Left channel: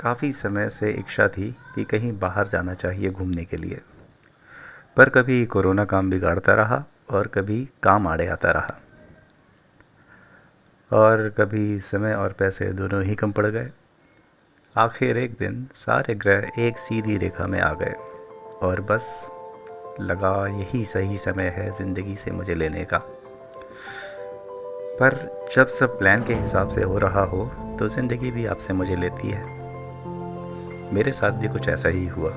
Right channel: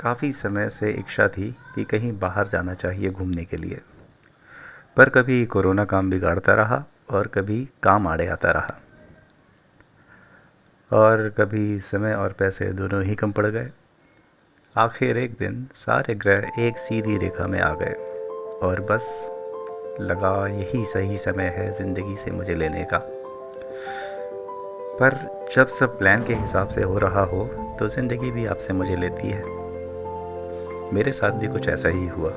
काफ़ी समय से इच्छा थी कि कहीं बाहर जाना चाहिए घूमने के लिए। पर कभी कोरोना काम बिगाड़ता रहा और कभी काम आड़े आता रहा और कभी समय और पैसे दोनों ही कम पड़ गए। आखिर एक दिन सारे ग्रह एक सीधी रेखा में आ गए और बस लगा यही सही समय है ज़िंदगी से मुझे लेने का। पर जब सब प्लान के हिसाब से हो रहा हो तो ज़िंदगी भी आपसे मुझे लेती है। मेरे साथ भी कुछ ऐसा ही हुआ।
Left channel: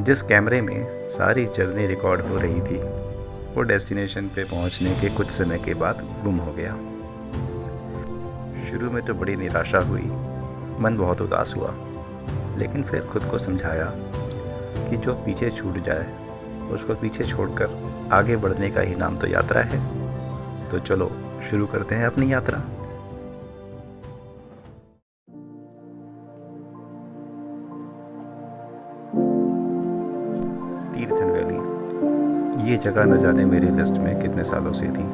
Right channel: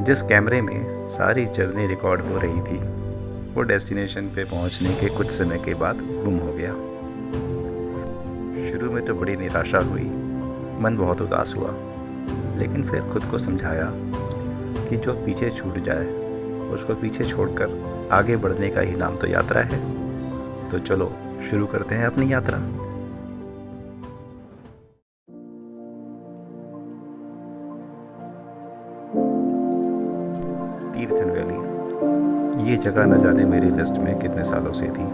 जिस कैमरे में सारी जर्नी रिकॉर्ड हो रही थी वो डेस्टिनेशन पे पहुंचने के कुछ समय के बाद गुम हो गया। शुरू में तो बड़ी निराशा हुई, मन बहुत उदास हुआ, लेकिन फिर खुद को समझाया कि जो पीछे छूट जाए उसको पीछे छोड़कर आगे बढ़ने का ही नाम तो यात्रा है। तो चलो शुरू करते हैं अपनी यात्रा। तीर्थन वैली, ये जगह न जाने मेरी लिस्ट में कितने सालों से थी।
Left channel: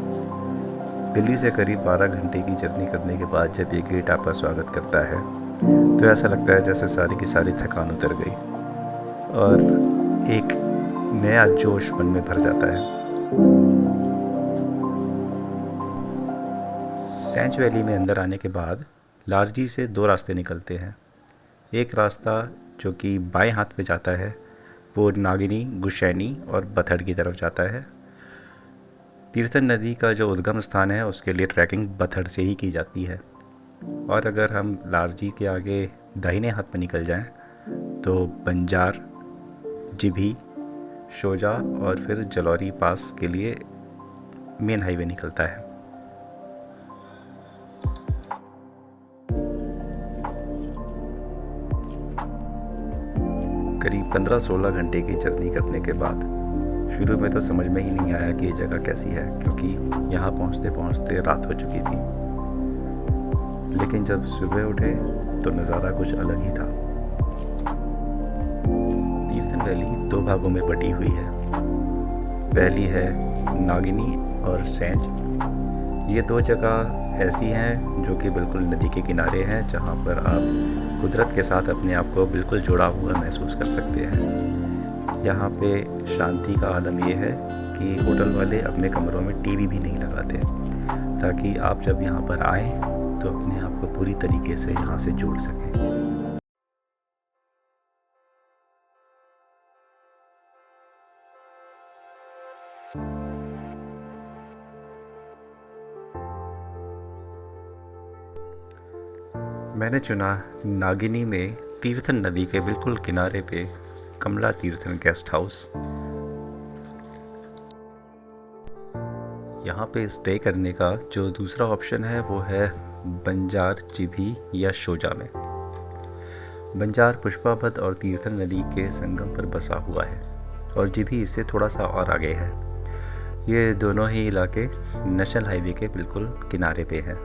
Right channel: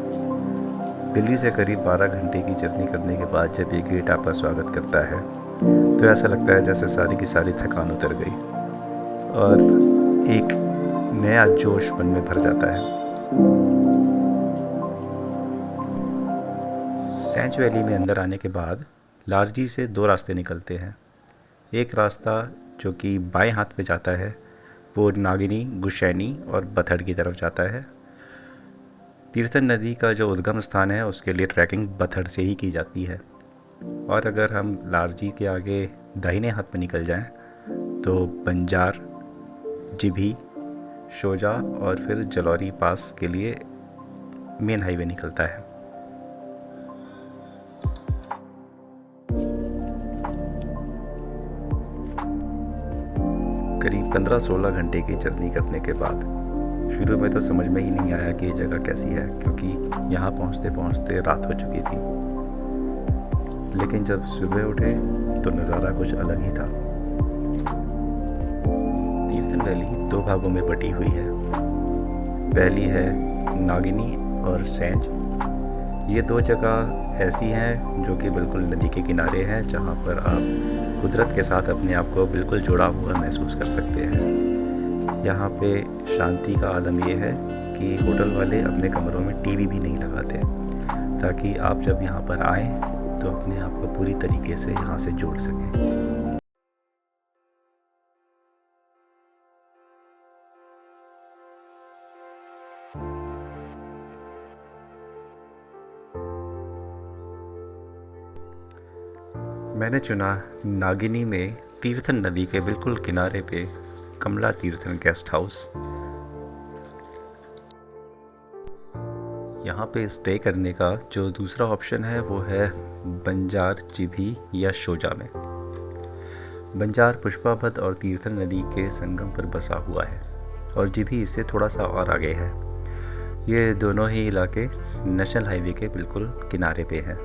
दिल्ली से करीब 12 घंटे की जर्नी करने के बाद जब ये गेट आपका स्वागत करता है तो ऐसा लगता है जैसे सारी की सारी थकान उतर गई और एक नया जोश मन में भर जाता है। सैंच वैली में अंदर आने के बाद लारजी से 2 रास्ते निकलते हैं। एक रास्ता जो कि बाएं हाथ पे जाता है वो नागिनी, गुशैनी और बथड़ की तरफ जाता है। तीर्थन नदी का जो उद्गम स्थान है उसके लिए ट्रैकिंग बथड़ से ही की जाती है। और अगर हम लारजी के आगे दाहिने हाथ में निकल जाएं तो बंजार, जिभी, शोजा और फिर जलौरी पास के लिए मेन हाईवे निकलता है। करीब 15-16 घंटे की जर्नी करने के बाद शुरू में तो समझ में ही नहीं आया कि ये जगह कैसी है, क्योंकि यहाँ पहुँचते पहुँचते रात हो चुकी थी। लेकिन जब सुबह उठे तो नज़ारा कुछ अलग ही था। तीर्थन वैली 2 भागों में बटी हुई है। पहली है नागिनी और सैंज। ये 2 जगह ऐसी हैं जो कि बिल्कुल नदी के किनारे हैं, जहाँ पर आप कुदरत के साथ अपने आप को बिल्कुल जुड़ा हुआ महसूस कर सकते हैं। यहाँ पे शांति का आलम ये है कि होटल वाले अपने कमरों में टीवी भी नहीं लगाते, ताकि आप जब यहाँ पर आएँ तो अपने आप को पूरी तरीके से यहाँ से जोड़ सकें। मैंने चुना नागिनी में तीर्थन नदी के बिल्कुल किनारे पे कमला तीर्थन गेस्ट हाउस। यहाँ पे स्टे करने का जो दूसरा ऑप्शन है वो है बंजार, जिभी या शोजा में। बंजार पुष्पापथ और तीर्थन नदी के संगम पर बसा हुआ है और जिभी इससे थोड़ा सा और आगे है। ये दोनों ही इलाके नेशनल हाईवे के बिल्कुल किनारे पे हैं।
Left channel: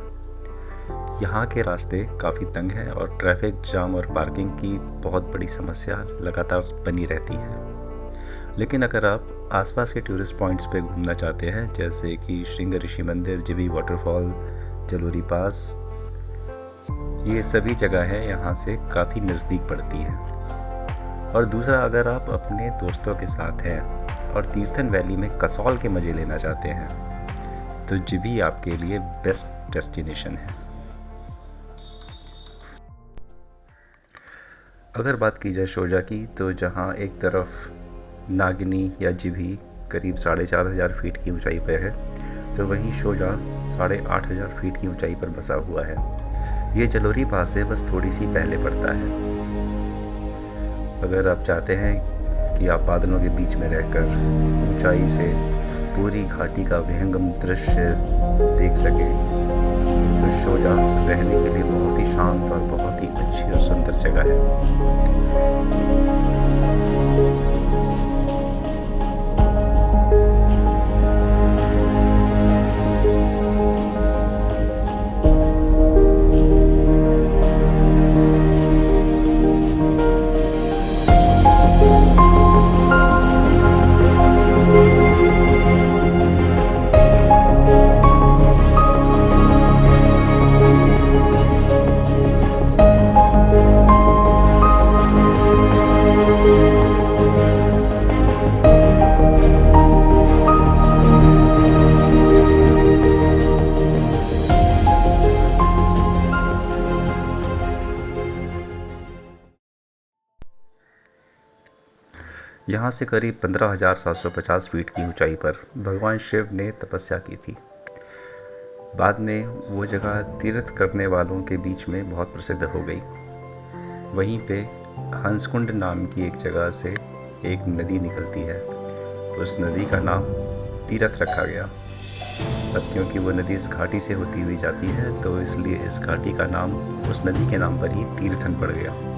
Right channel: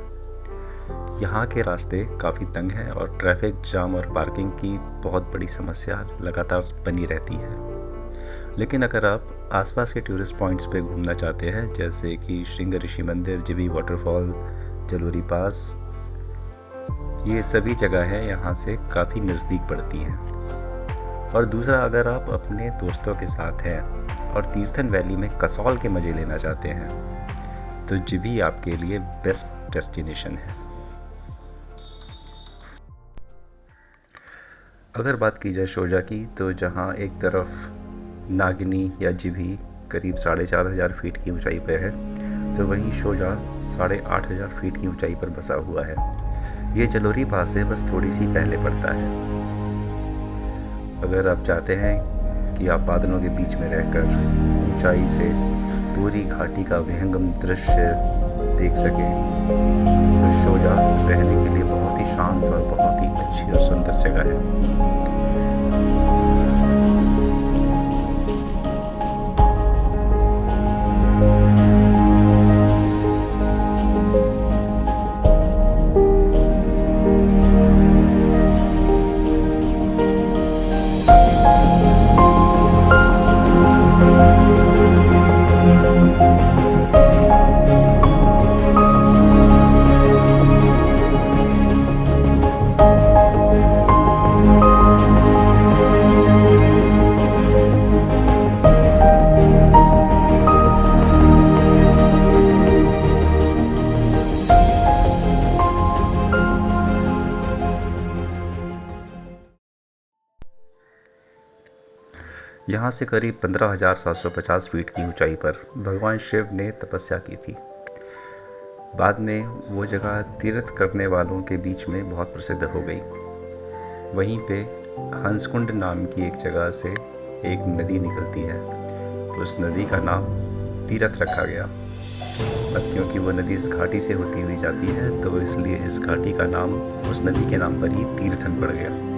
यहाँ के रास्ते काफ़ी तंग हैं और ट्रैफिक जाम और पार्किंग की बहुत बड़ी समस्या लगातार बनी रहती है। लेकिन अगर आप आसपास के टूरिस्ट पॉइंट्स पे घूमना चाहते हैं, जैसे कि श्रृंग ऋषि मंदिर, जिभी वाटरफॉल, जलोरी पास, ये सभी जगह हैं यहाँ से काफ़ी नज़दीक पड़ती हैं। और दूसरा, अगर आप अपने दोस्तों के साथ हैं और तीर्थन वैली में कसौल के मज़े लेना चाहते हैं तो जिभी आपके लिए बेस्ट डेस्टिनेशन है। अगर बात की जाए शोजा की, तो जहाँ एक तरफ नागिनी या जिभी करीब 4,500 फीट की ऊंचाई पर है, तो वहीं शोजा 8,500 फीट की ऊंचाई पर बसा हुआ है। ये जलोरी पास से बस थोड़ी सी पहले पड़ता है। अगर आप चाहते हैं कि आप बादलों के बीच में रहकर ऊंचाई से पूरी घाटी का विहंगम दृश्य देख सकें तो शोजा रहने के लिए बहुत ही शांत और बहुत ही अच्छी और सुंदर जगह है। यहाँ से करीब 15,750 फीट की ऊंचाई पर भगवान शिव ने तपस्या की थी। बाद में वो जगह तीर्थ करने वालों के बीच में बहुत प्रसिद्ध हो गई। वहीं पे हंसकुंड नाम की एक जगह से एक नदी निकलती है। उस नदी का नाम तीरथ रखा गया। अब क्योंकि वो नदी इस घाटी से होती हुई जाती है तो इसलिए इस घाटी का नाम उस नदी के नाम पर ही तीर्थन पड़ गया।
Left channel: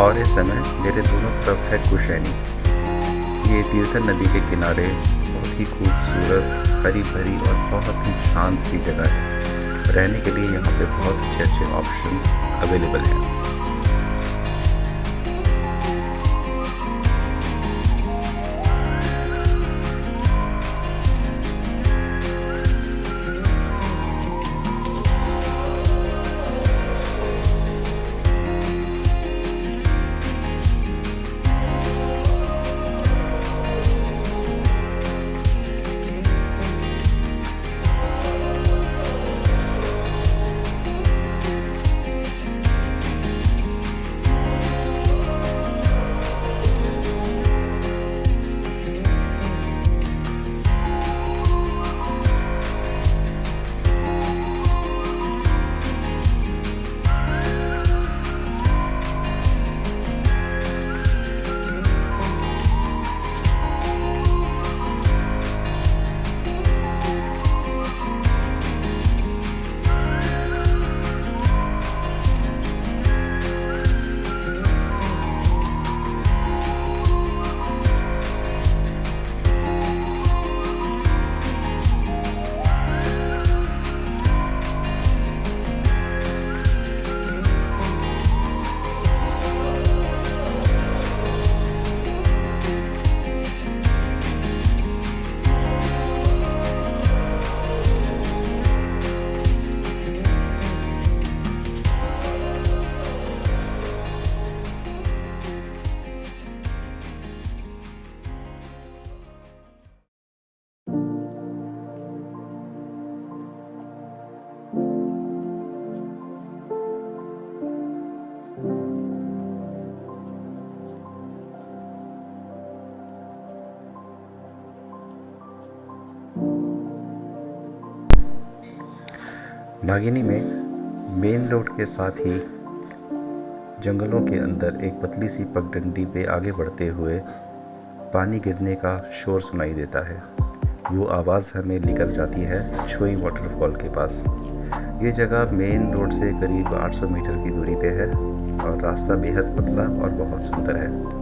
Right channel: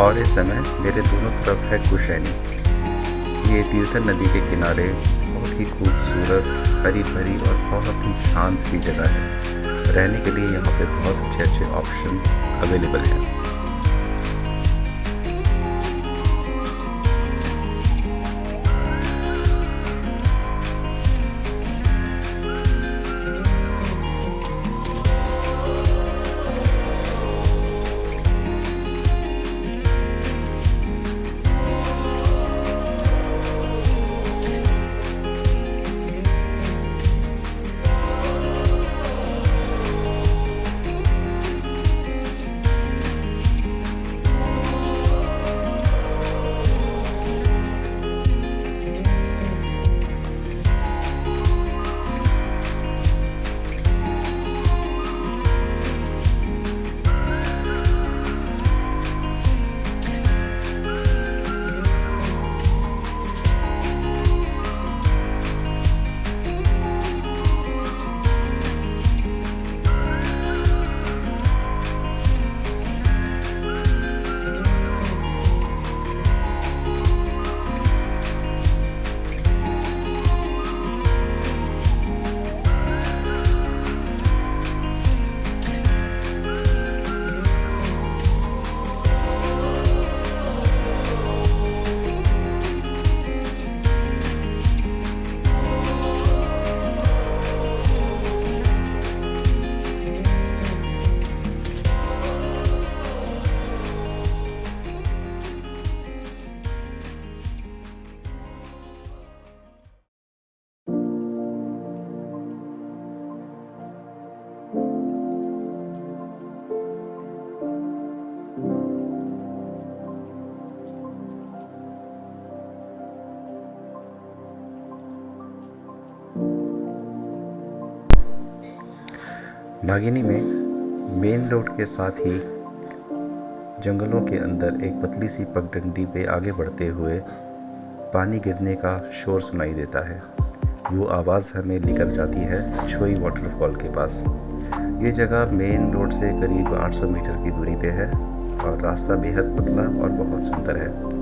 और इस समय मेरे दोनों तरफ है कुशैनी। ये तीर्थन नदी के किनारे बहुत ही खूबसूरत, हरी भरी और बहुत ही शांत सी जगह है। रहने के लिए यहाँ पे बहुत अच्छे अच्छे ऑप्शन अवेलेबल हैं। नागिनी में मेन रोड के साथ ही जंगलों के अंदर एक पतली सी पगडंडी पे आगे बढ़ते हुए पानी गिरने का शोर सुनाई देता है। वो आवाज़ हमें लेकर जाती है छोई वाटरफॉल के पास। ये जगह मेन रोड से करीब 800 मीटर की दूरी पे है और रास्ता बेहद पतला और बहुत सुंदर है।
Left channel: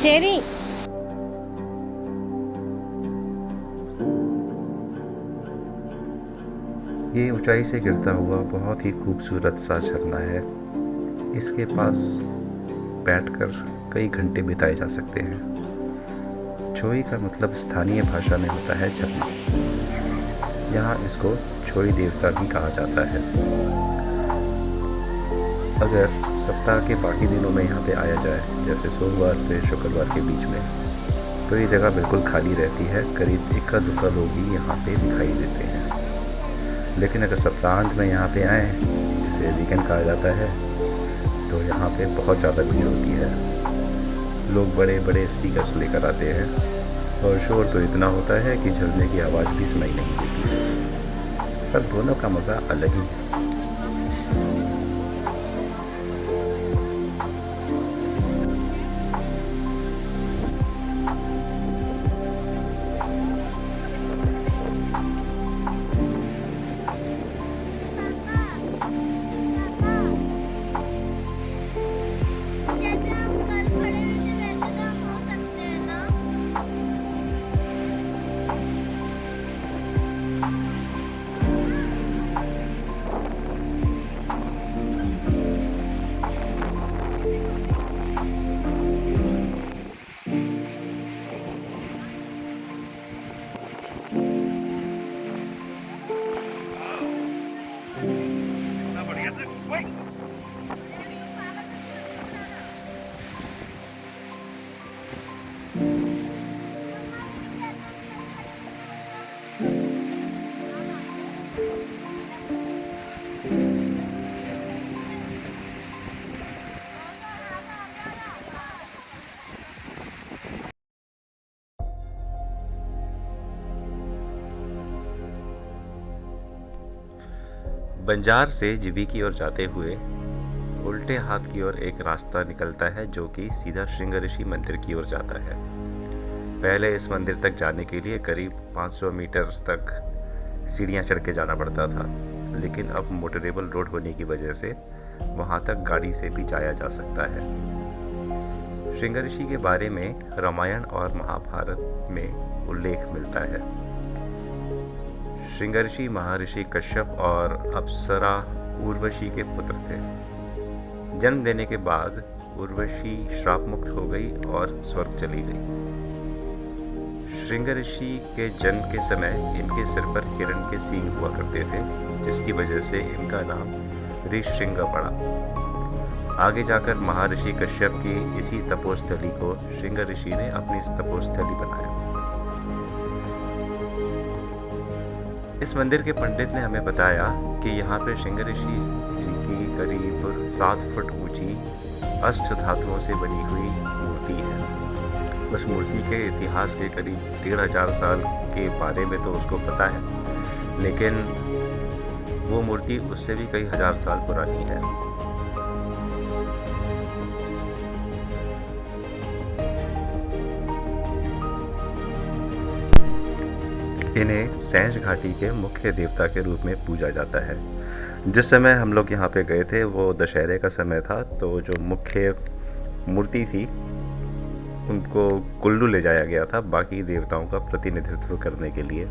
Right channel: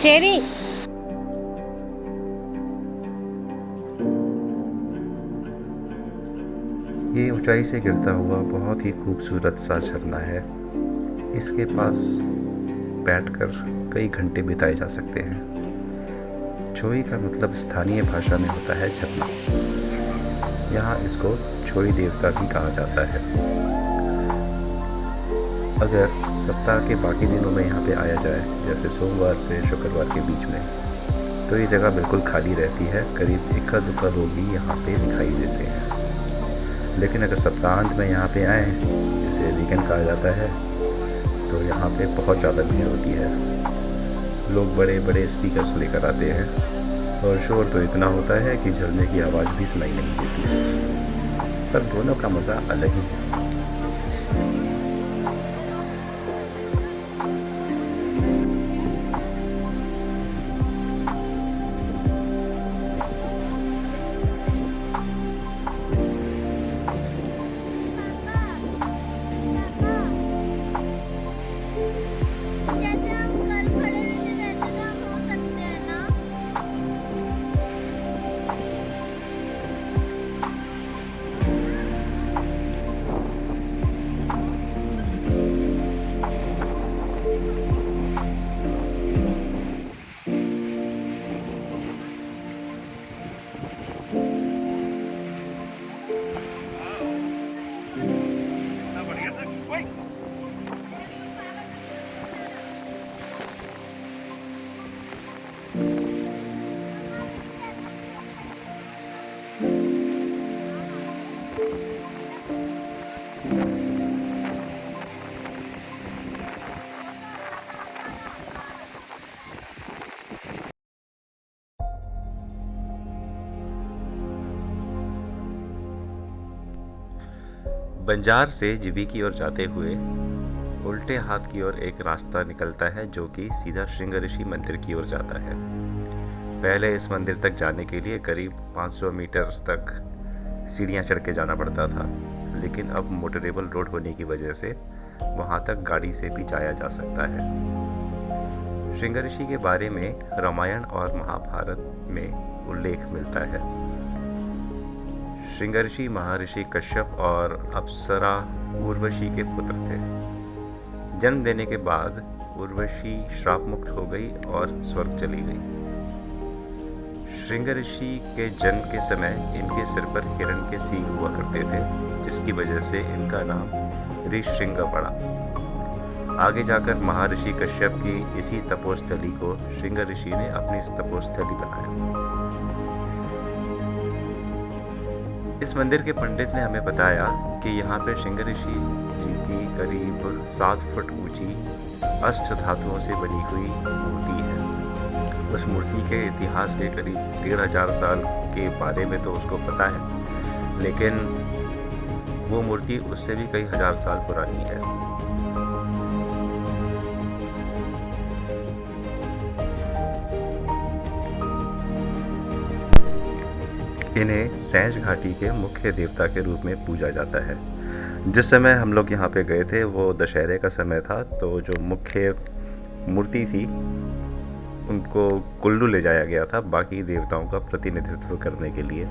चेरी ये ऊंचाई से गिरता हुआ बहुत ही खूबसूरत सा झरना है। इसके पास बैठकर कई घंटे बिताए जा सकते हैं। छोई का मतलब स्थानीय भाषा में होता है झरना। यहाँ इसको छोई देवता भी कहा जाता है। अगर सप्ताह के बाकी दिनों में यहाँ पे आया जाए, जैसे सोमवार से शुक्रवार के बीच में, तो ये जगह बिल्कुल खाली रहती है। करीब इक्का दुक्का लोग ही यहाँ पे दिखाई देते हैं। लेकिन अगर सप्ताहांत में यहाँ पे आएँ, जिसे वीकेंड कहा जाता है, तो यहाँ पे बहुत ज़्यादा भीड़ होती है। लोग बड़े बड़े स्पीकर्स लेकर आते हैं और शोर तो इतना होता है कि झरने की आवाज़ भी सुनाई नहीं देती। पर दोनों का मज़ा अलग ही है। बंजार से जीबी की ओर जाते हुए उल्टे हाथ की ओर एक रास्ता निकलता है जो कि सीधा श्रृंग ऋषि मंदिर की ओर जाता है। पहले इस मंदिर तक जाने के लिए करीब 500 मीटर तक सीढ़ियाँ चढ़ के जाना पड़ता था, लेकिन अब मोटरेबल रोड होने की वजह से वहाँ तक गाड़ी से भी जाया जा सकता है। श्रृंग ऋषि के बारे में रामायण और महाभारत में उल्लेख मिलता है। श्रृंगऋषि महर्षि कश्यप और अप्सरा उर्वशी के पुत्र थे। जन्म देने के बाद उर्वशी श्राप मुक्त हो गई और स्वर्ग चली गई। श्रृंगऋषि के जन्म के समय इनके सिर पर हिरण के सींग हुआ करते थे, जिसकी वजह से इनका नाम ऋश्रृंग पड़ा। आगे जाकर महर्षि कश्यप की इसी तपोस्थली को श्रृंगऋषि ने अपनी तपोस्थली बनाया। इस मंदिर के पंडित ने हमें बताया कि यहाँ पे श्रृंगऋषि जी की करीब 7 फुट ऊंची अष्ट धातुओं से बनी हुई मूर्ति है। उस मूर्ति के इतिहास के करीब 1500 साल के बारे में तो उसको पता है, लेकिन वो मूर्ति उससे भी कई हजार साल पुरानी है। इन्हें सैंज घाटी के मुख्य देवता के रूप में पूजा जाता है। जिस समय हम लोग यहाँ पे गए थे वो दशहरे का समय था, तो जो मुख्य मूर्ति थी उनको कुल्लू ले जाया गया था बाकी देवताओं का प्रतिनिधित्व करने के लिए।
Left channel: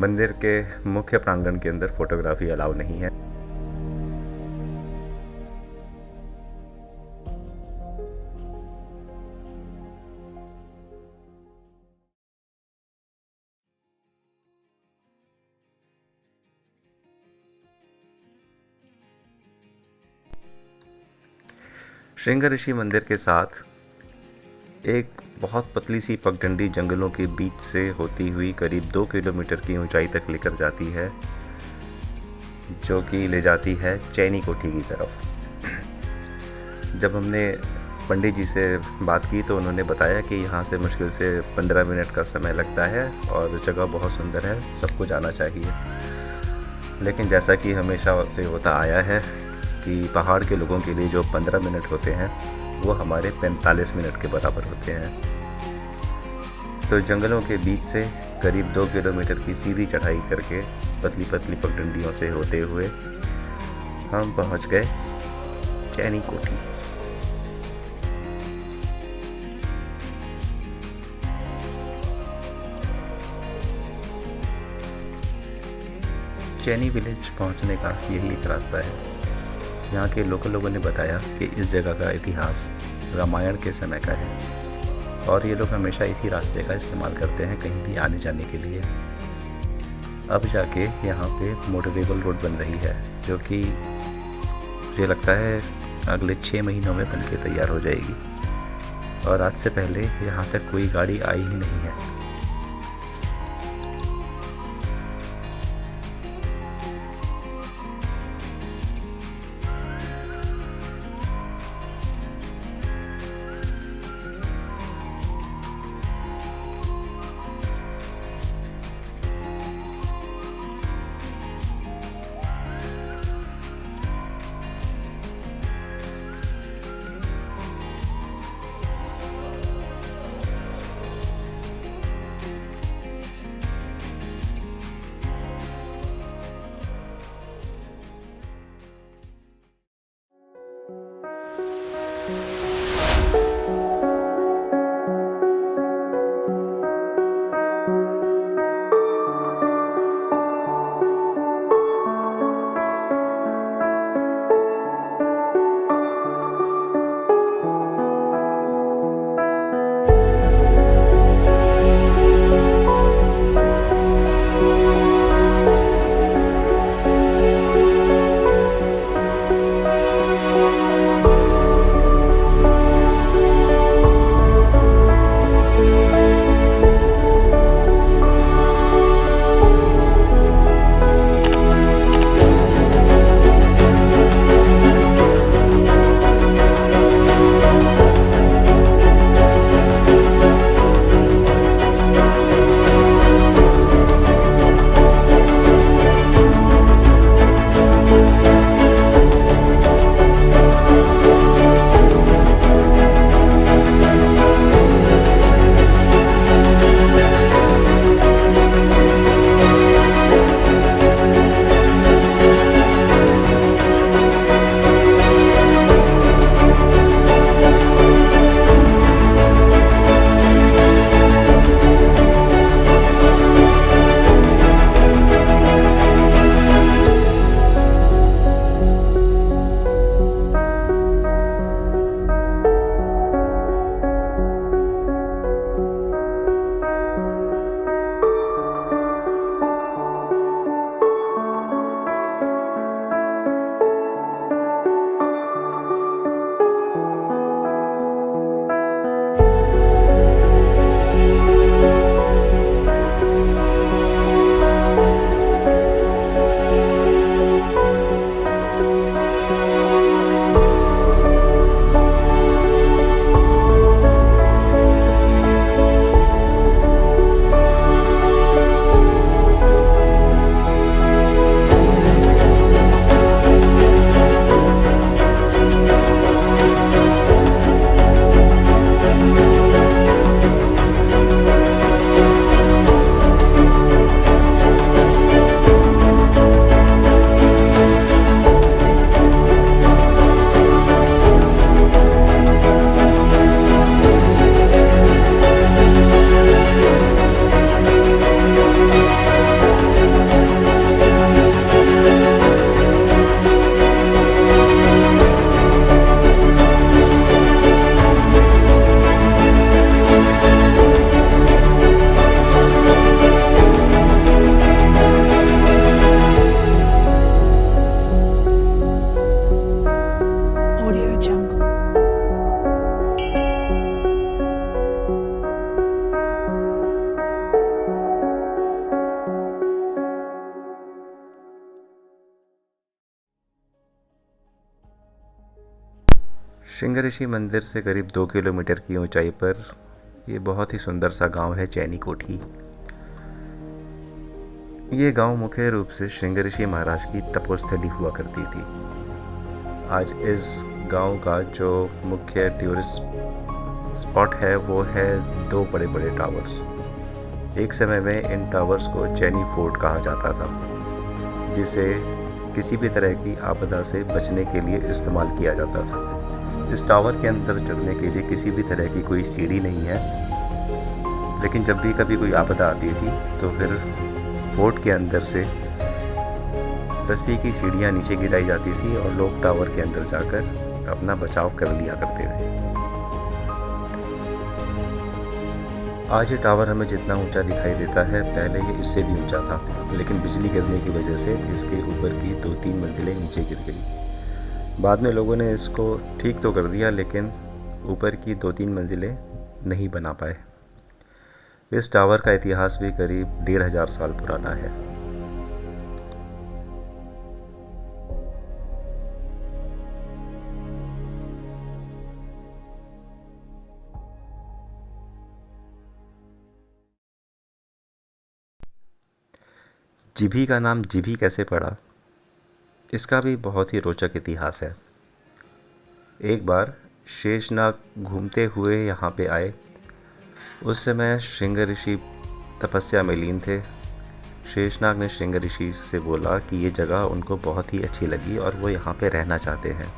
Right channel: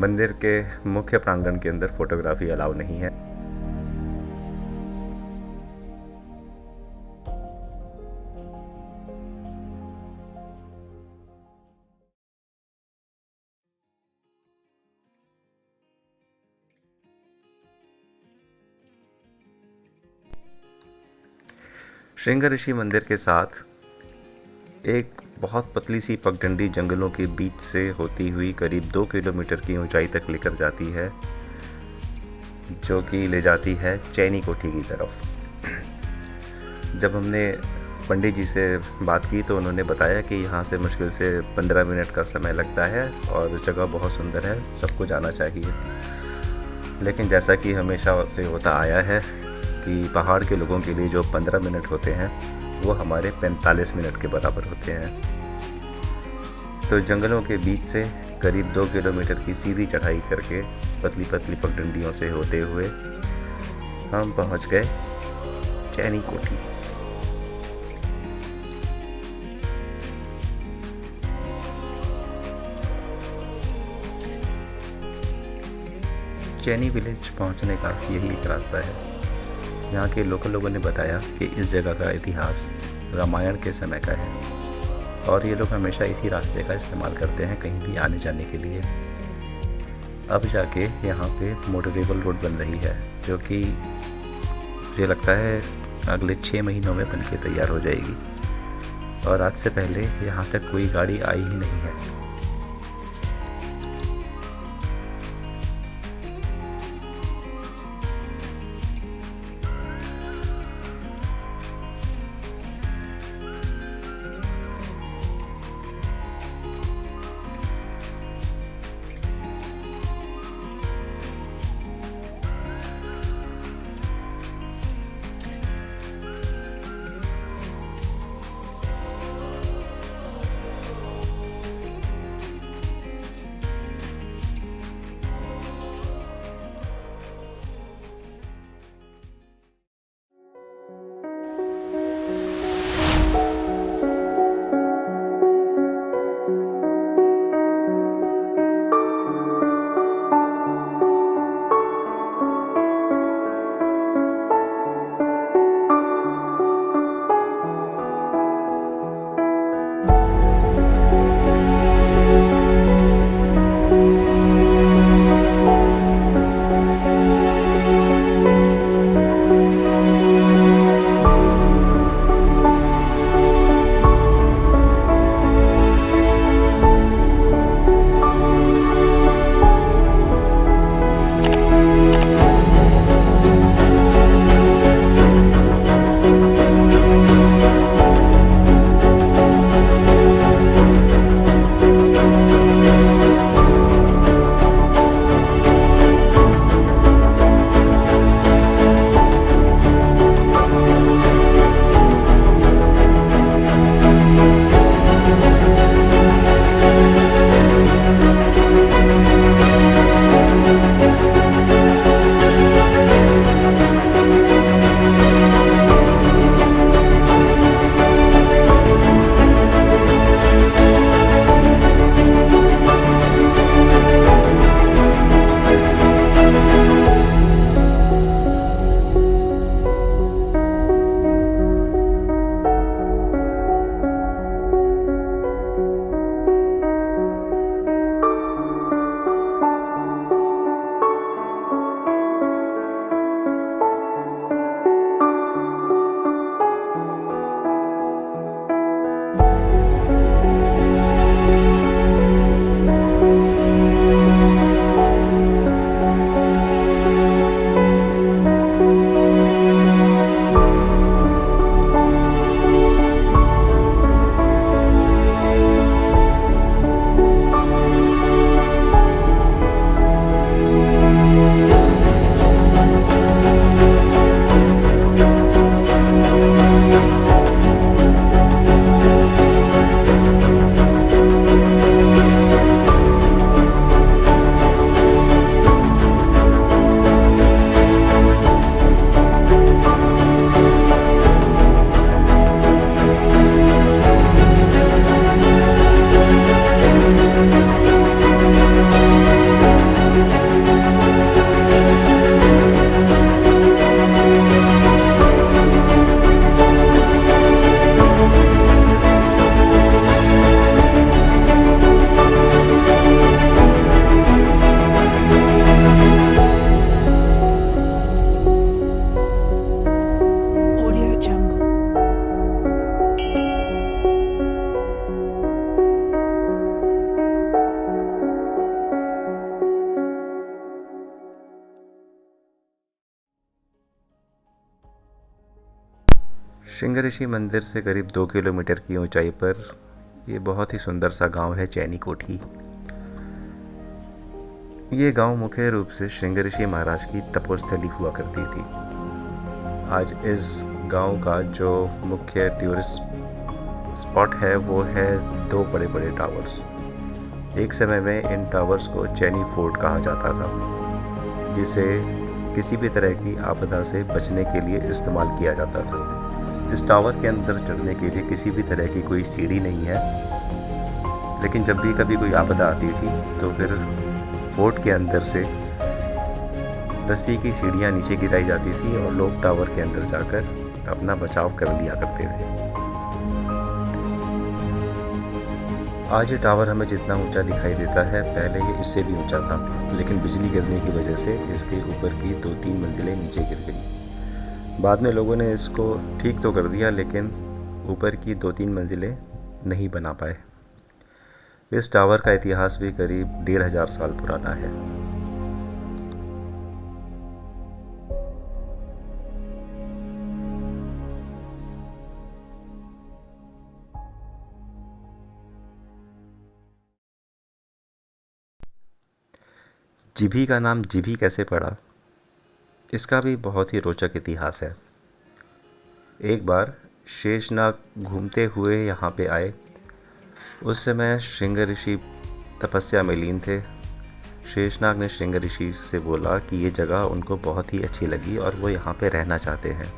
मंदिर के मुख्य प्रांगण के अंदर फोटोग्राफी अलाउ नहीं है। श्रृंगऋषि मंदिर के साथ एक बहुत पतली सी पगडंडी जंगलों के बीच से होती हुई करीब 2 किलोमीटर की ऊंचाई तक लेकर जाती है, जो कि ले जाती है चैनी कोठी की तरफ। जब हमने पंडित जी से बात की तो उन्होंने बताया कि यहाँ से मुश्किल से 15 मिनट का समय लगता है और जगह बहुत सुंदर है, सबको जाना चाहिए। लेकिन जैसा कि हमेशा से होता आया है कि पहाड़ के लोगों के लिए जो 15 मिनट होते हैं वो हमारे 45 मिनट के बराबर होते हैं। तो जंगलों के बीच से करीब 2 किलोमीटर की सीधी चढ़ाई करके पतली पतली पगडंडियों से होते हुए हम पहुंच गए चैनी कोठी। चैनी विलेज पहुंचने का यही एक रास्ता है। यहाँ के लोकल लोगों ने बताया कि इस जगह का इतिहास रामायण के समय का है और ये लोग हमेशा इसी रास्ते का इस्तेमाल करते हैं कहीं भी आने जाने के लिए। अब जाके यहाँ पे मोटरेबल रोड बन रही है, जो कि मुझे लगता है अगले 6 महीनों में बनके तैयार हो जाएगी और आज से पहले यहाँ तक कोई गाड़ी आई ही नहीं है। श्रृंगऋषि मंदिर से करीब 2 किलोमीटर की ऊंचाई पर ये बहुत ही सुंदर सा गांव है चैनी कोठी। ये गांव मुख्य रूप से श्रृंगऋषि महाराज की तपोस्थली हुआ करती थी। आज इस गांव का जो मुख्य टूरिस्ट स्पॉट है वो है 2 बड़े बड़े टावर्स। एक समय में इन टावर्स को चैनी फोर्ट कहा जाता था, जिसे किसी भी तरह की आपदा से बचने के लिए इस्तेमाल किया जाता था। इस टावर के अंदर चढ़ने के लिए किसी भी तरह की कोई सीढ़ी नहीं है, लेकिन जब भी कभी कोई आपदा आती थी तो फिर फोर्ट के अंदर से रस्सी की सीढ़ियाँ नीचे गिराई जाती थी और लोग टावर के अंदर जाकर अपना बचाव कर लिया करते थे। आज ये टावर हमें जितना ऊंचा दिखाई देता है, पहले ये इससे भी ऊंचा था, लेकिन बिजली गिरने की वजह से इसके ऊपर की 2-3 मंजिलें नीचे गिर गई। बाद में लोगों ने इसको ठीक तो कर दिया, लेकिन ऊपर की 2-3 मंजिलें नहीं बना पाए। इस टावर का इतिहास भी करीब 1500 साल पुराना है। जीभी का नाम जीभी कैसे पड़ा, इसका भी बहुत ही रोचक इतिहास है। एक बार शेषनाग घूमते हुए यहाँ पे आए। उस समय श्रृंगऋषि तपस्या में लीन थे। शेषनाग ने श्रृंगऋषि से बोला कि ये जगह उनको बहुत ही अच्छी लगी और वो यहाँ पे रहना चाहते हैं।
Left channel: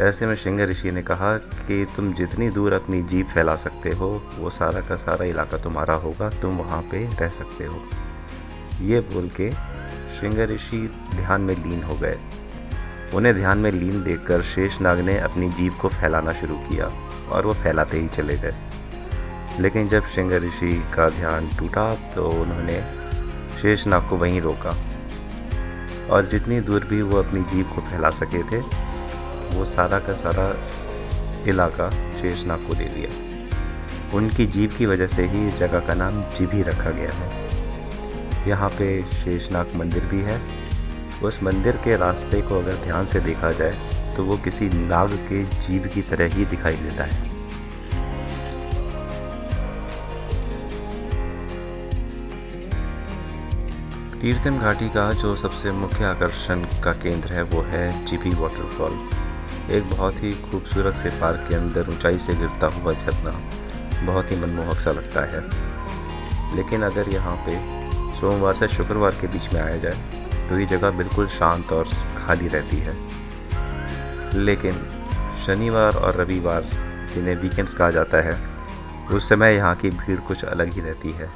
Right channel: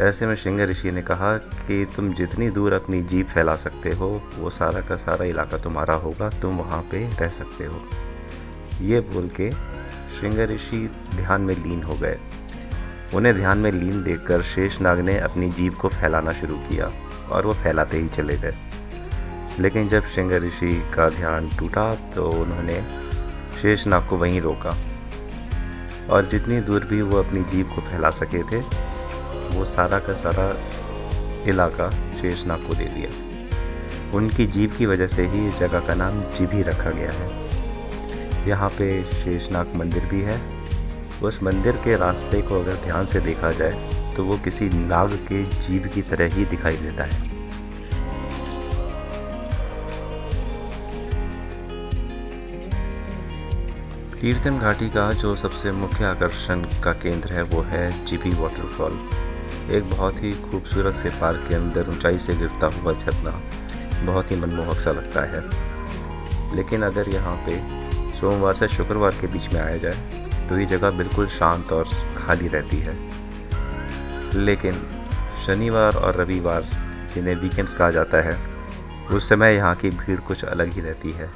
ऐसे में श्रृंगऋषि ने कहा कि तुम जितनी दूर अपनी जीभ फैला सकते हो वो सारा का सारा इलाका तुम्हारा होगा, तुम वहाँ पे रह सकते हो। ये बोल के श्रृंगऋषि ध्यान में लीन हो गए। उन्हें ध्यान में लीन देखकर शेषनाग ने अपनी जीभ को फैलाना शुरू किया और वो फैलाते ही चले गए। लेकिन जब श्रृंगऋषि का ध्यान टूटा तो उन्होंने शेषनाग को वहीं रोका और जितनी दूर भी वो अपनी जीभ को फैला सके थे वो सारा का सारा इलाका शेषनाग को दे दिया। उनकी जीभ की वजह से ही इस जगह का नाम जीभी रखा गया है। यहाँ पे शेषनाग मंदिर भी है। उस मंदिर के रास्ते को अगर ध्यान से देखा जाए तो वो किसी नाग के जीभ की तरह ही दिखाई देता है। तीर्थन घाटी का जो सबसे मुख्य आकर्षण का केंद्र है वो है जीभी वाटरफॉल। एक बहुत ही खूबसूरत से पार्क के अंदर ऊंचाई से गिरता हुआ झरना बहुत ही मनमोहक सा लगता है। लेकिन अगर यहाँ पे सोमवार से शुक्रवार के बीच में आया जाए तो ये जगह बिल्कुल शांत और खाली रहती है। लेकिन शनिवार और रविवार, जिन्हें वीकेंड्स कहा जाता है, उस समय यहाँ की भीड़ कुछ अलग ही रहती है।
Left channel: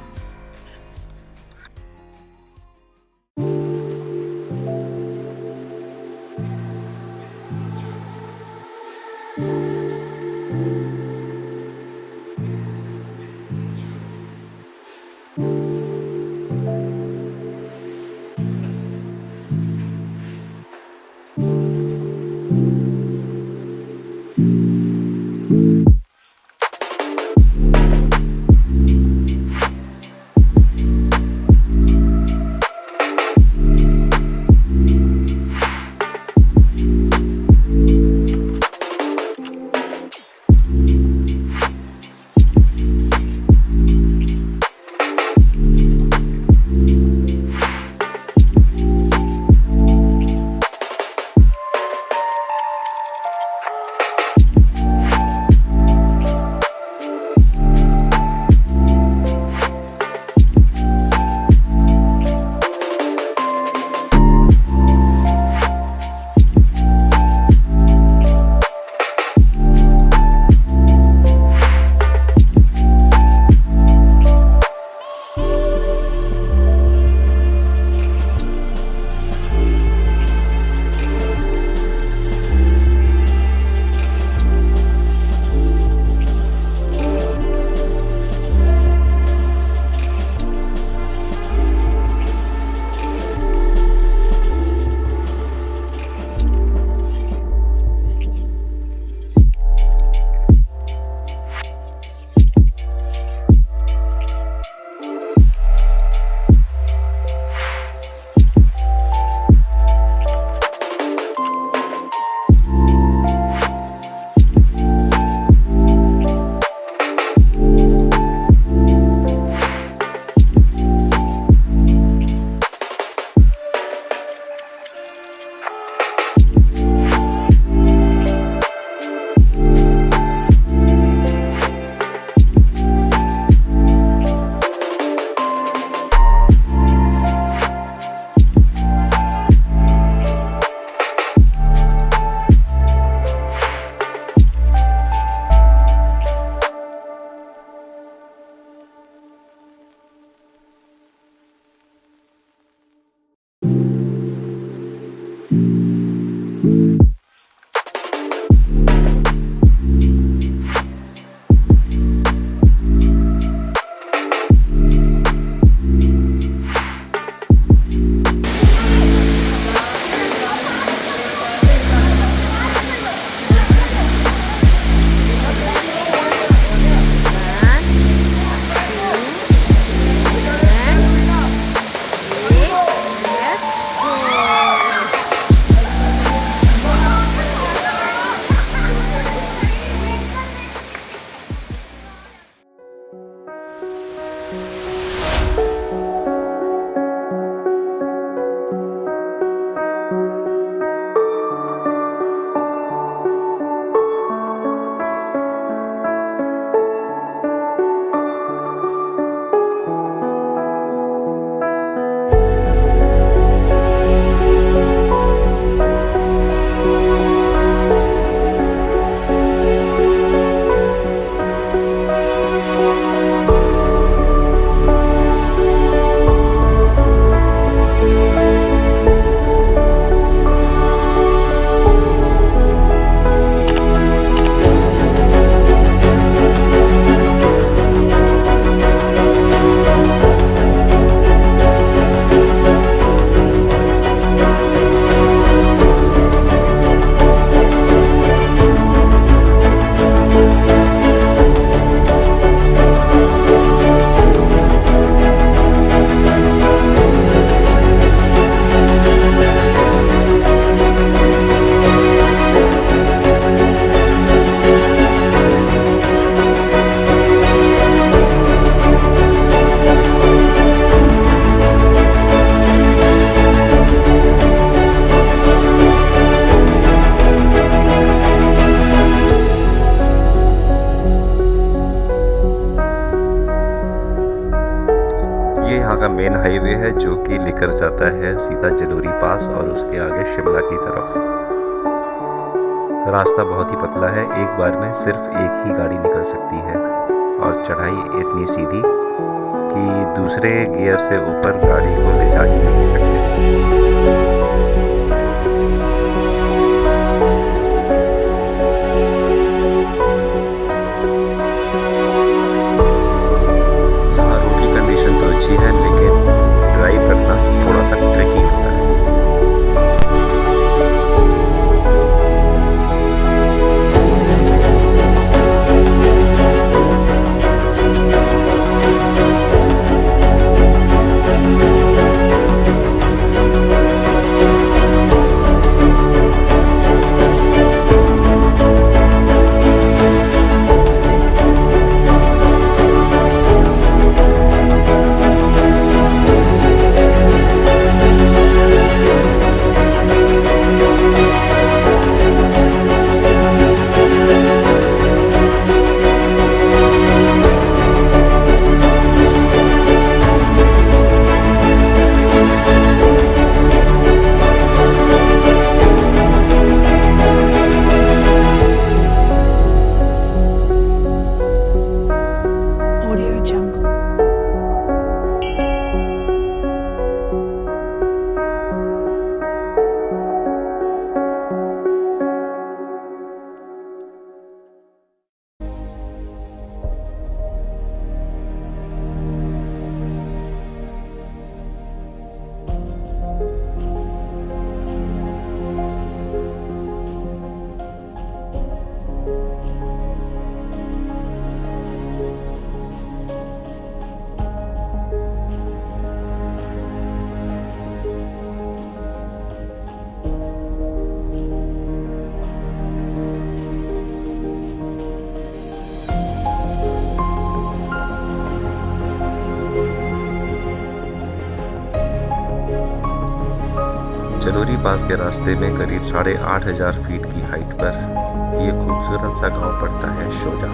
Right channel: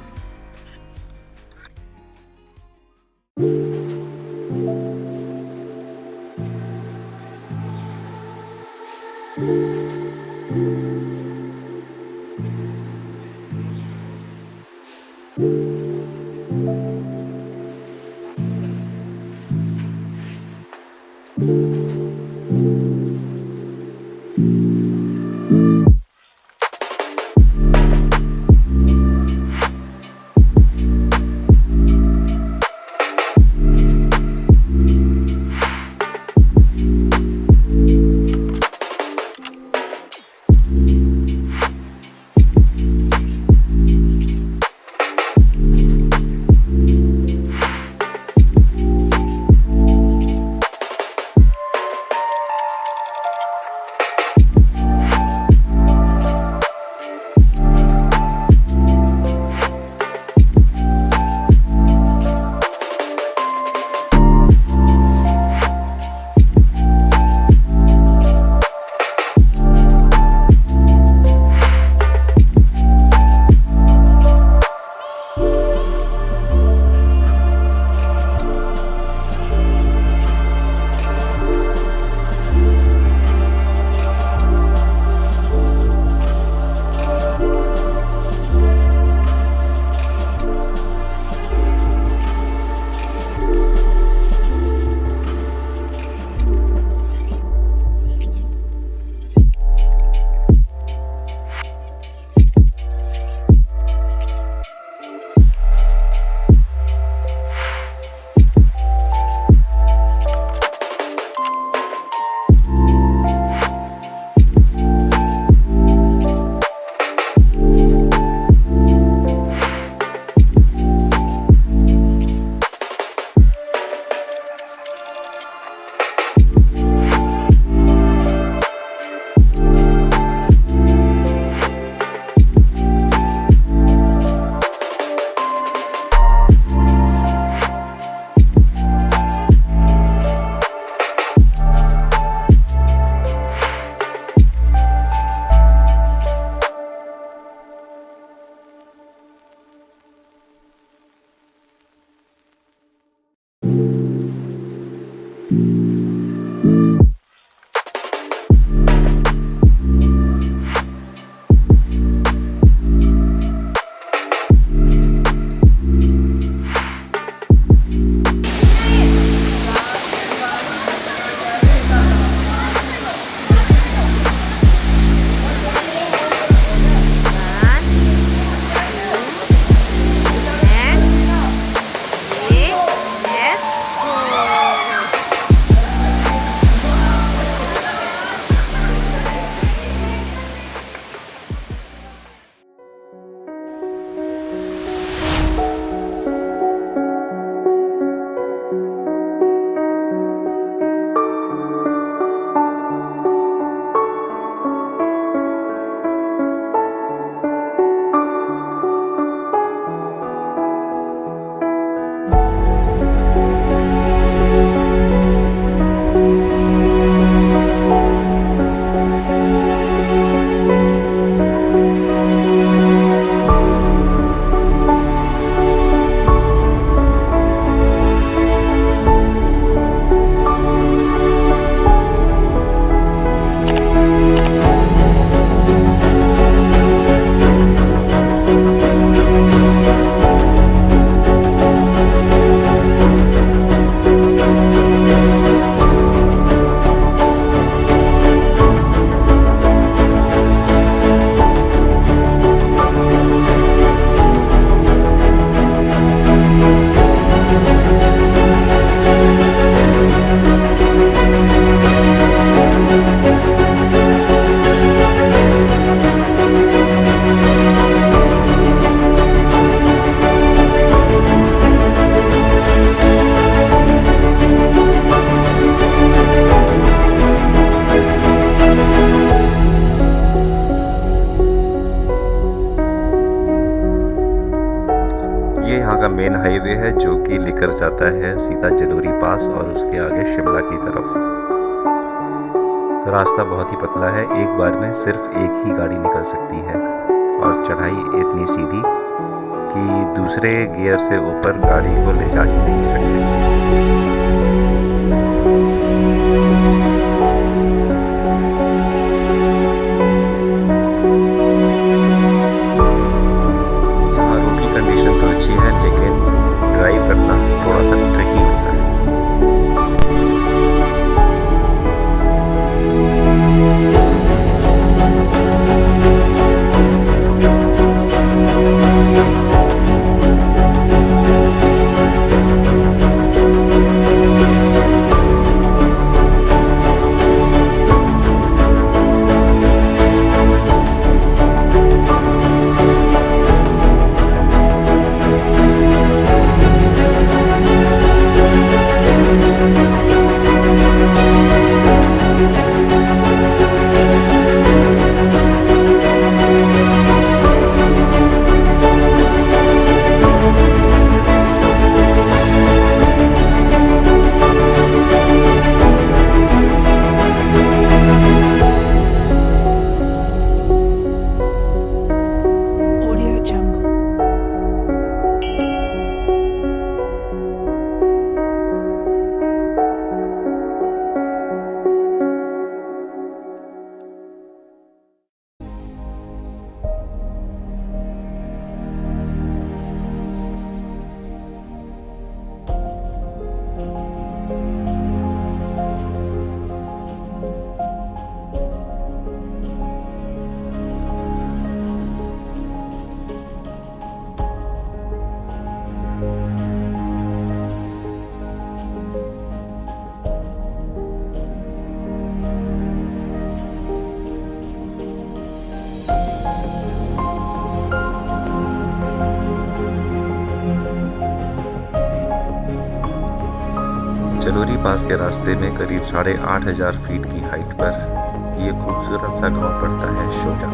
का मेन हाईवे है जो कि लेकर जाता है सीधा जलोरी पास और उसके आगे शिमला की तरफ। रास्ता बहुत ही पतला है, एक बार में सिर्फ एक ही गाड़ी निकल सकती है और चढ़ाई इतनी सीधी कि दूसरे गियर से ऊपर गाड़ी को ले जा ही नहीं सकते। कंडीशन तो अच्छी है लेकिन ड्राइव करना थोड़ा सा ट्रिकी होता है। जलोरी पास के रास्ते में करीब 8,500 फीट की हाइट पर ये खूबसूरत सा गांव पड़ता है शोजा।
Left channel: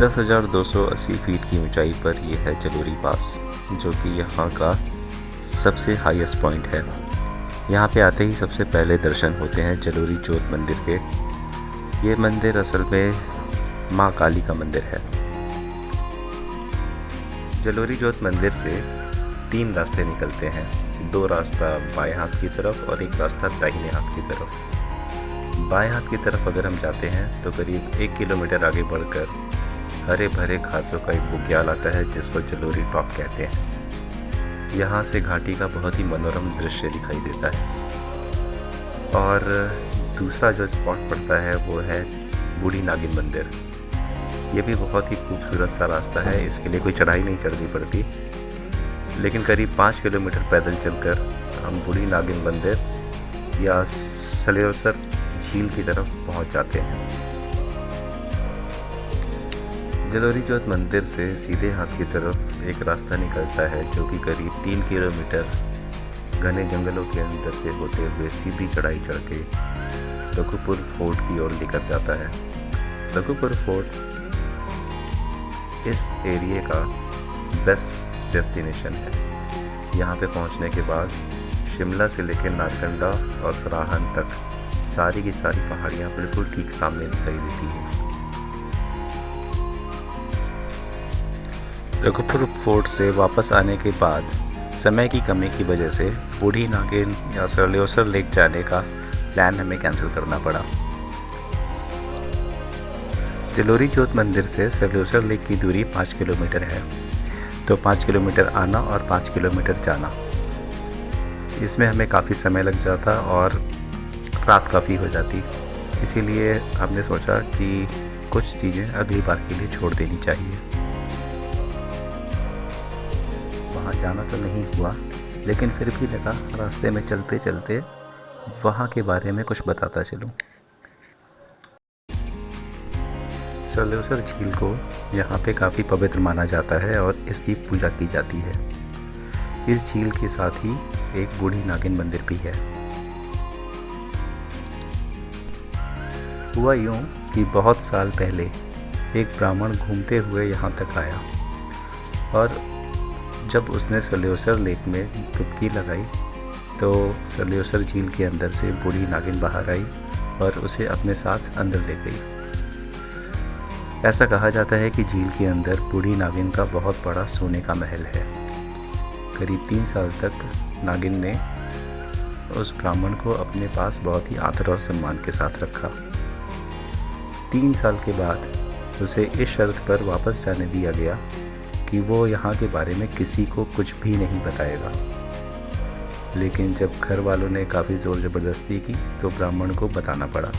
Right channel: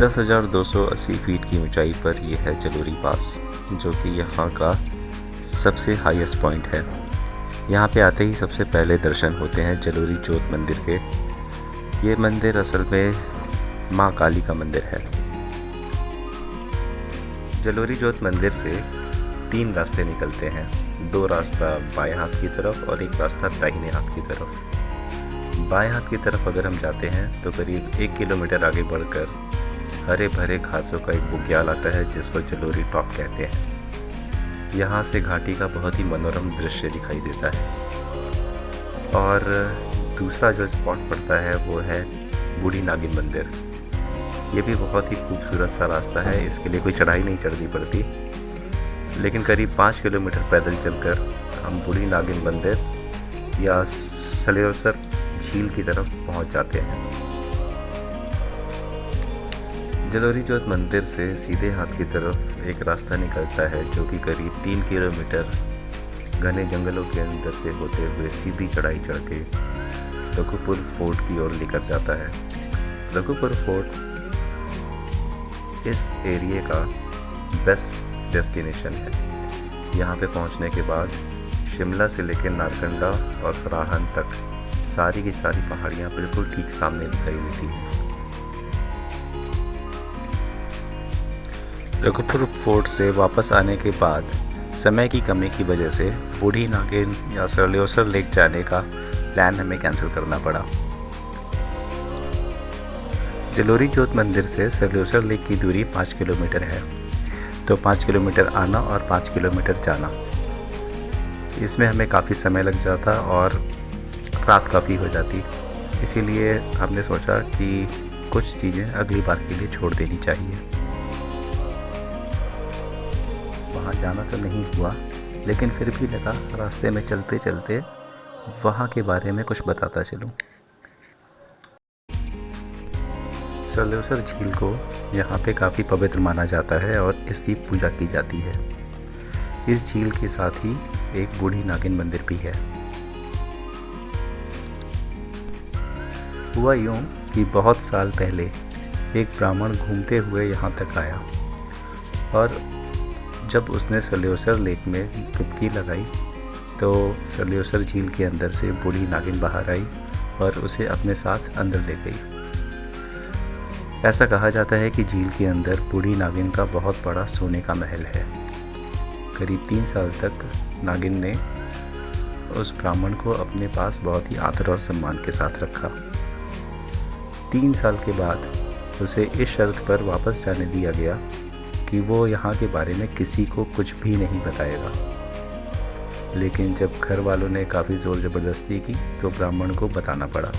10,280 फीट की ऊंचाई पर यह है जलोरी पास, जो कि यहाँ का सबसे हाईएस्ट पॉइंट है। यहाँ पे आते ही सबसे पहले दर्शन होते हैं जलोरी जोत मंदिर के। ये मंदिर असल में माँ काली का मंदिर है। जलोरी जोत मंदिर से 3 रास्ते निकलते हैं, 2 रास्ता बाएं हाथ की तरफ और 1 रास्ता दाहिने हाथ की तरफ। बाएं हाथ की तरफ अगर हम जाते हैं तो करीब 1 किलोमीटर आगे बढ़कर हरे भरे घासों का एक बुग्याल आता है जिसको जलोरी टॉप कहते हैं। यहाँ से घाटी का बहुत ही मनोरम दृश्य दिखाई देता है। और दूसरा जो स्पॉट पड़ता है वो है बूढ़ी नागिन मंदिर। ये भी बहुत ही खूबसूरत सा रास्ता है, इसके लिए कोई चढ़ाई नहीं चढ़नी पड़ती, लेकिन करीब 5 किलोमीटर पैदल चलकर हम बूढ़ी नागिन मंदिर या सलेसर झील की तरफ पहुंच जाते हैं। जलोरी जोत मंदिर से सीधे हाथ की तरफ एक रास्ता निकलता है जो कि करीब 3 किलोमीटर घने जंगलों के अंदर से होते हुए सीधी चढ़ाई चढ़ के रघुपुर फोर्ट की ओर लेकर जाता है। रघुपुर फोर्ट इस एरिया का बेस्ट डेस्टिनेशन है। यहाँ पे पहुँचने के बाद शिमला से लेकर नारकंडा और सराहन तक सारी की सारी पहाड़ियाँ बिल्कुल ठीक सामने दिखाई देती हैं। रघुपुर फोर्ट से वापस आने के बाद समय की कमी की वजह से बूढ़ी नागिन या सलेसर लेक जाने का प्लान हमें कैंसिल करना पड़ा। जलोरी जोत मंदिर से सलेसर लेक की दूरी 5 किलोमीटर है, तो 5 किलोमीटर आना और 5 किलोमीटर जाना, इसमें हमें काफ़ी समय लग जाता और रात काफ़ी हो जाती। इसीलिए हमने सोचा कि कुछ चीज़ें अगली बार के लिए छोड़ देनी चाहिए। वहाँ जाना तो नहीं हुआ, लेकिन फिर भी लगा रास्ते में चलते चलते वहाँ के बारे में कुछ बताता चलूँ। सलेसर झील को यहाँ पे काफ़ी पवित्र माना जाता है और इसकी पूजा की जाती है। इस झील के साथ ही एक बूढ़ी नागिन मंदिर भी है। हुआ यूँ कि बहुत साल पहले एक ब्राह्मण घूमते हुए यहाँ तक आया और जब उसने सलेसर लेक में डुबकी लगाई तो सलेसर झील के अंदर से बूढ़ी नागिन बाहर आई और उसे अपने साथ अंदर ले गई। ऐसा कहा जाता है कि झील के अंदर बूढ़ी नागिन का बहुत बड़ा सोने का महल है। करीब 3 साल तक नागिन ने उस ब्राह्मण को अपने पास बहुत ही आदर और सम्मान के साथ रखा। 3 साल के बाद उसे इस शर्त पर वापस जाने दिया गया कि वो यहाँ के बारे में किसी को कुछ भी नहीं बताएगा। लेकिन जब घर वालों ने काफ़ी ज़ोर ज़बरदस्ती की तो ब्राह्मण को बताना पड़ा।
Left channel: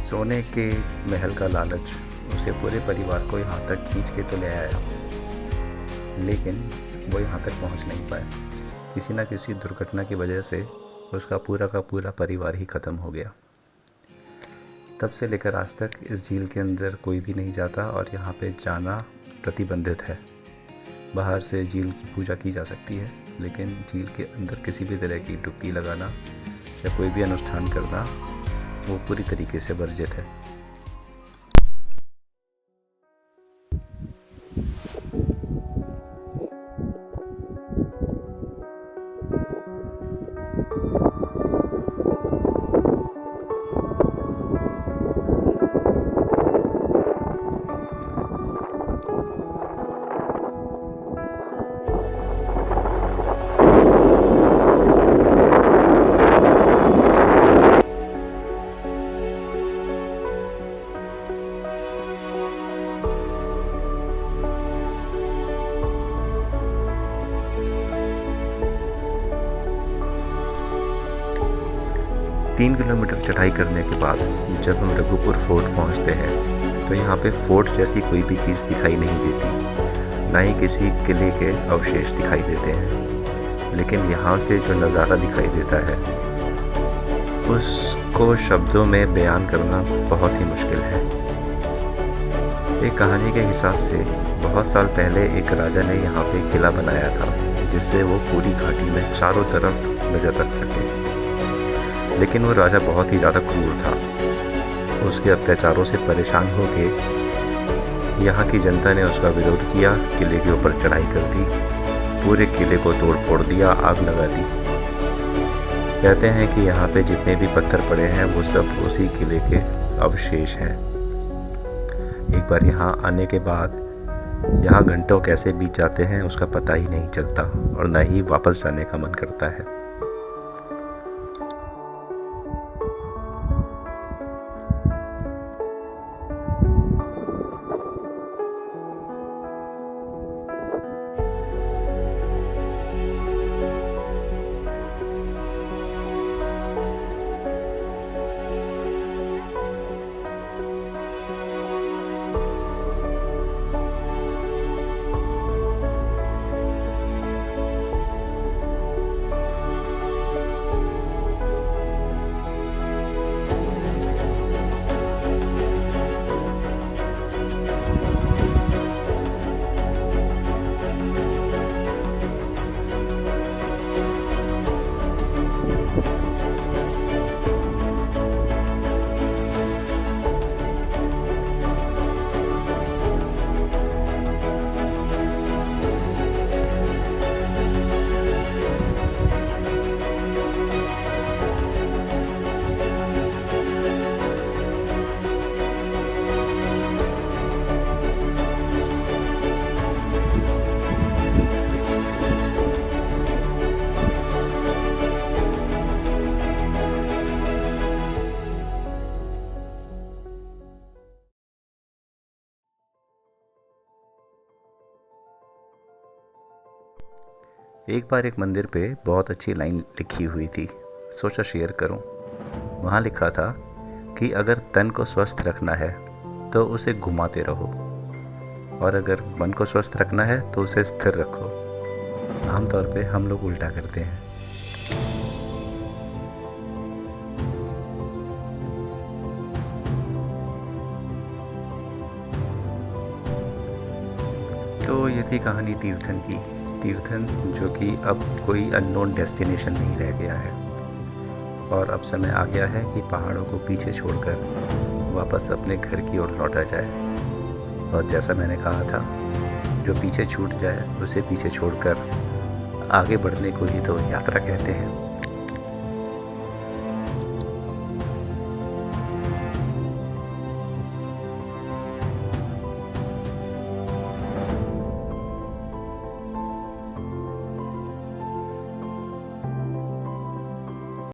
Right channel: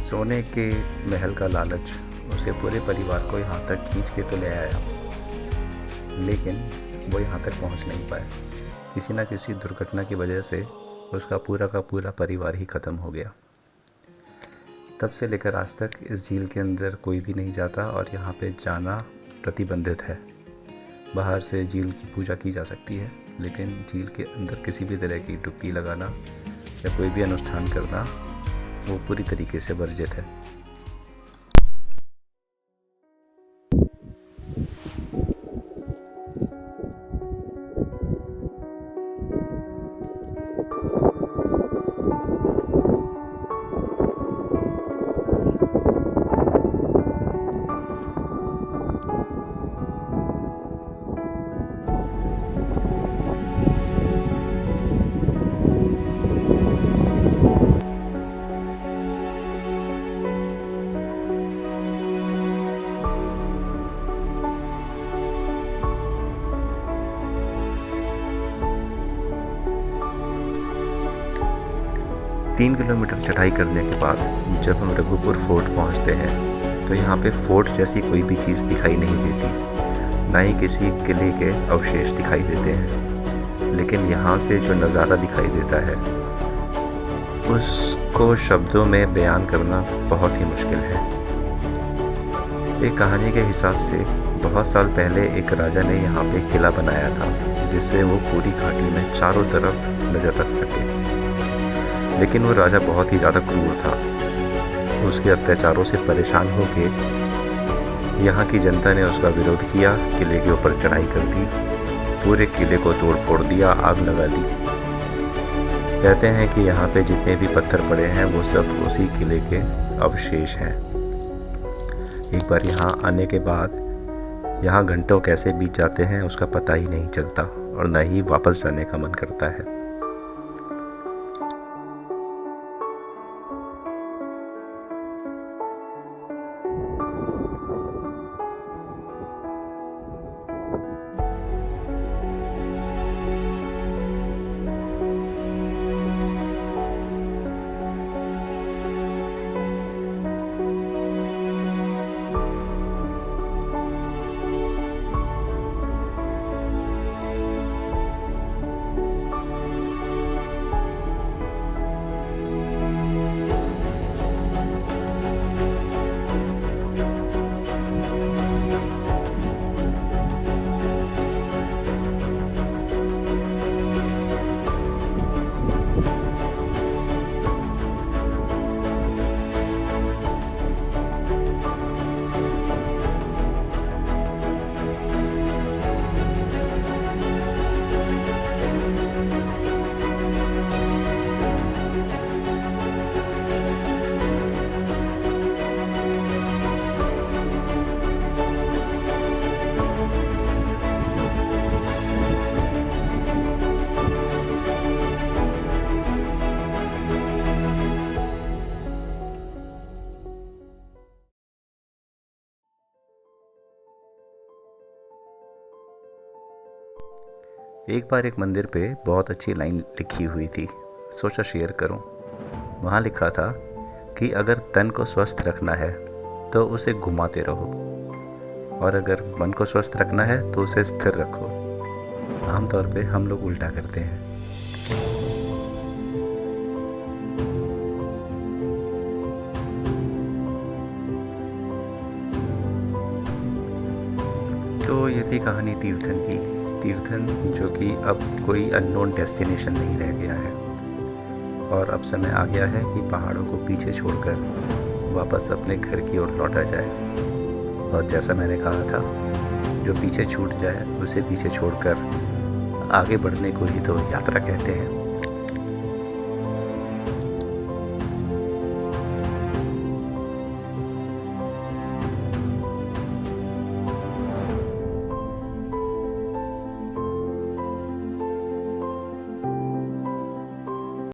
सोने के महल का लालच उसे पूरे परिवार को यहाँ तक खींच के तो ले आया, लेकिन वो यहाँ तक पहुँच नहीं पाया। किसी न किसी दुर्घटना की वजह से उसका पूरा का पूरा परिवार ही ख़त्म हो गया। तब से लेकर आज तक इस झील के अंदर कोई भी नहीं जाता और यहाँ पे जाना प्रतिबंधित है। बाहर से झील की पूजा की जा सकती है, लेकिन झील के अंदर किसी भी तरह की डुबकी लगाना या कोई भी अनुष्ठान करना वो पूरी तरीके से वर्जित है। तीन किलोमीटर चढ़ाई करने के बाद जब हम रघुपुर फोर्ट पहुंचते हैं तो यहाँ पे फोर्ट जैसी कोई भी चीज़ दिखाई नहीं देती, ना ही किसी किले के अवशेष दिखाई देते हैं। लेकिन यहाँ से जो नज़ारा दिखाई देता है उसको शब्दों में बयान करना बहुत ही मुश्किल है। एक कहानी के हिसाब से बहुत साल पहले एक राजा ने यहाँ पे किला बनाया था जिससे वो पूरी घाटी में चारों तरफ नज़र रख सके। लेकिन वो राजा बहुत ही ज़्यादा क्रूर था। उसके अत्याचारों से परेशान होकर यहाँ की जनता ने उसका विरोध किया, किले के ऊपर चढ़ाई कर दी, पूरे किले को तोड़ फोड़ दिया, आग लगा दी। कहते हैं कि यहाँ पे जितने भी पत्थर पड़े हैं वो सब उसी किले के अवशेष हैं। एक बार यहाँ आने के बाद यहाँ घंटों कैसे बीत जाते हैं उसका पता ही नहीं चलता और न ही वापस जाने का मन करता है। एक बार एक मंदिर पे बहुत अच्छी लाइन लिखी हुई थी, सोचा शेयर करूं। वहाँ लिखा था कि अगर तन को स्वस्थ रखना है तो उसे घुमाते रहो, और अगर मन को स्वस्थ रखना है तो उसे स्थिर रखो। आमतौर पे हम लोग उल्टा करते हैं। तो ये थी कहानी तीर्थन की। तीर्थन जो कि अब कोई अननोन डेस्टिनेशन नहीं रह गया है, और अब समय आ गया है कि पहाड़ों को पीछे छोड़कर वापस अपने घर की ओर लौटा जाए। और जैसा मैंने कहा था, जो पीछे छूट जाए उसे पीछे छोड़कर आगे बढ़ने को ही तो यात्रा कहते हैं।